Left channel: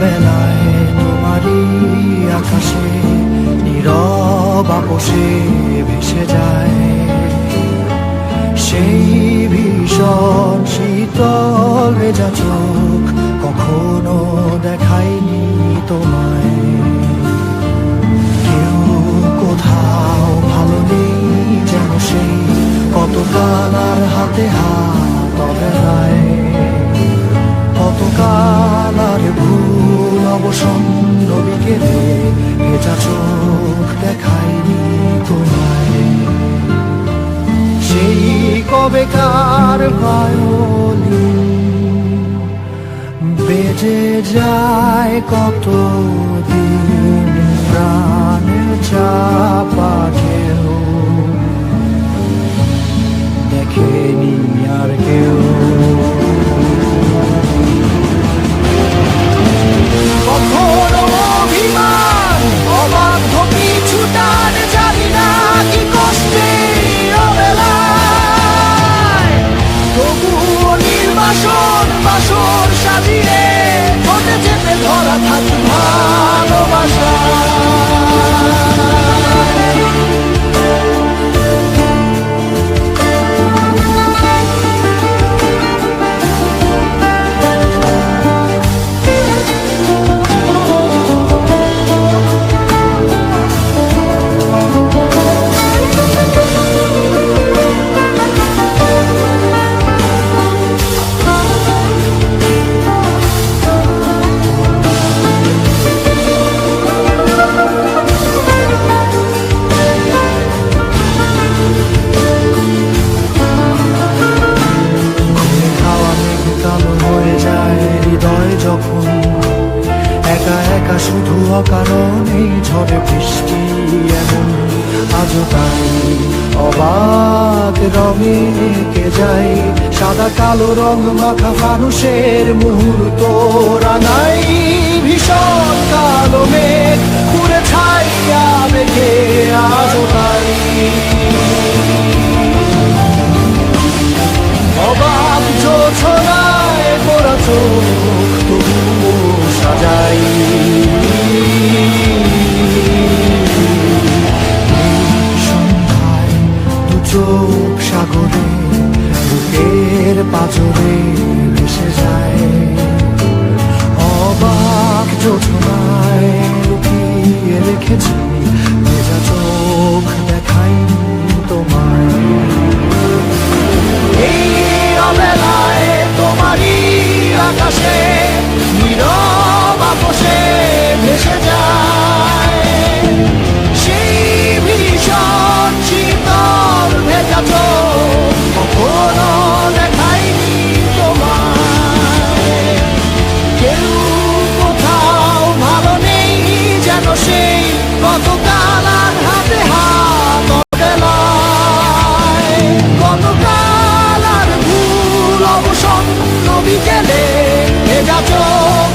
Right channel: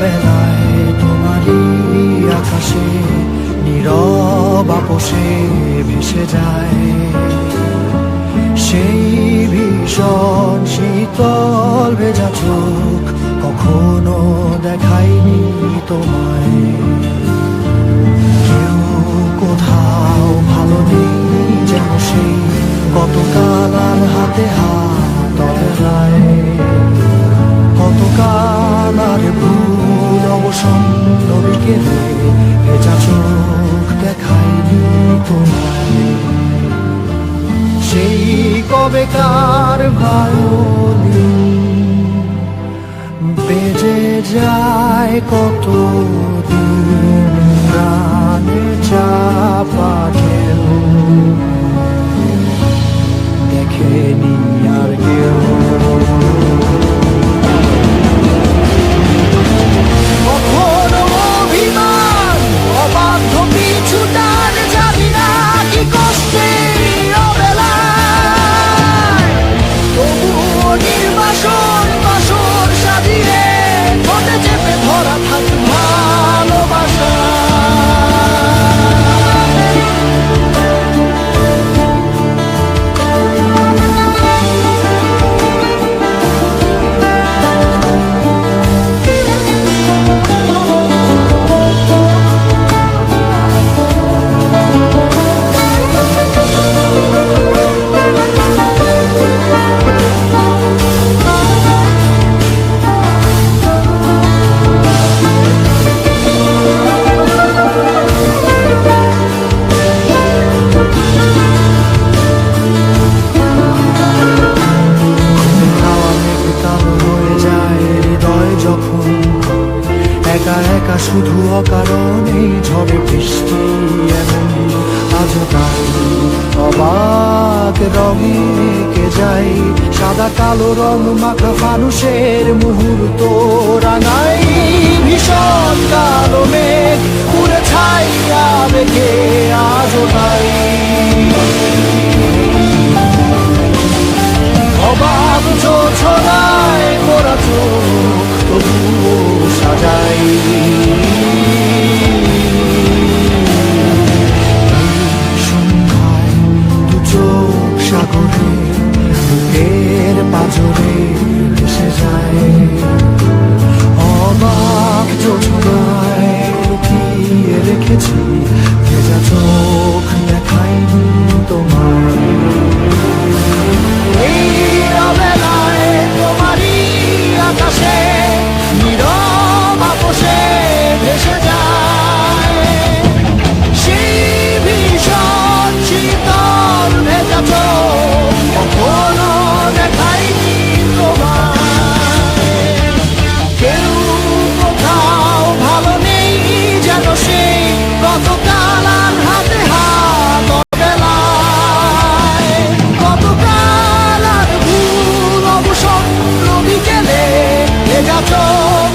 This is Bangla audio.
অবেলায় তোমারই আকাশে নীরব আপোষে ভেসে যায় সেই ভীষণ শীতল ভেজা চোখ, কখনো দেখাইনি তোমায়। কেউ কোথাও ভালো নেই যেন সেই কতকাল আর হাতে হাত অবেলায়, কতকাল আর ভুল অবসন্ন বিকেলে ভেজা চোখ দেখাইনি তোমায়। সেই কবেকার ভায়োলিন বেজে যায় কতদিন, প্রাণে চাপা ঢেউ দেখেনি আর কেউ। কখনো অভিমান অবাধ্য পিছুটান, জানি না কি কষ্টে অবেলায়, তবুও নির্বাসন বাসর সাজিয়ে ঠোঁটে চেপে ধরা থাক ভালোবাসা। কালো হয়ে যায় হৃদয় যখন, একা একা শুধু অকারণে ঝড়ে বৃষ্টি এমন, আজও তাই অবাক রঙে কে যায় সাদা কালো রং মাখা ফানুষের মুহূর্ত রাঙাই। ভীষণ কালো মেঘ পুরে ছাইয়া বেঁকে আজও তাই অবাক জোছনায় পড়া চোখ তবুও সাজাই। এই সন্ধ্যায় দু চোখ সাগরে বুকের পাজরে ভেসে যায়, অবাক জোছনায় লুকিয়ে রেখেছি ভেজা চোখ দেখাইনি তোমায়। এই অবেলায় তোমারই আকাশে নীরব আপোষে ভেসে যায় সেই ভীষণ শীতল ভেজা চোখ, কখনো দেখাইনি তোমায়। কেউ কোথাও ভালো নেই যেন সেই কতকাল আর হাতে হাত অবেলায়, কতকাল আর ভুল অবসন্ন বিকেলে ভেজা চোখ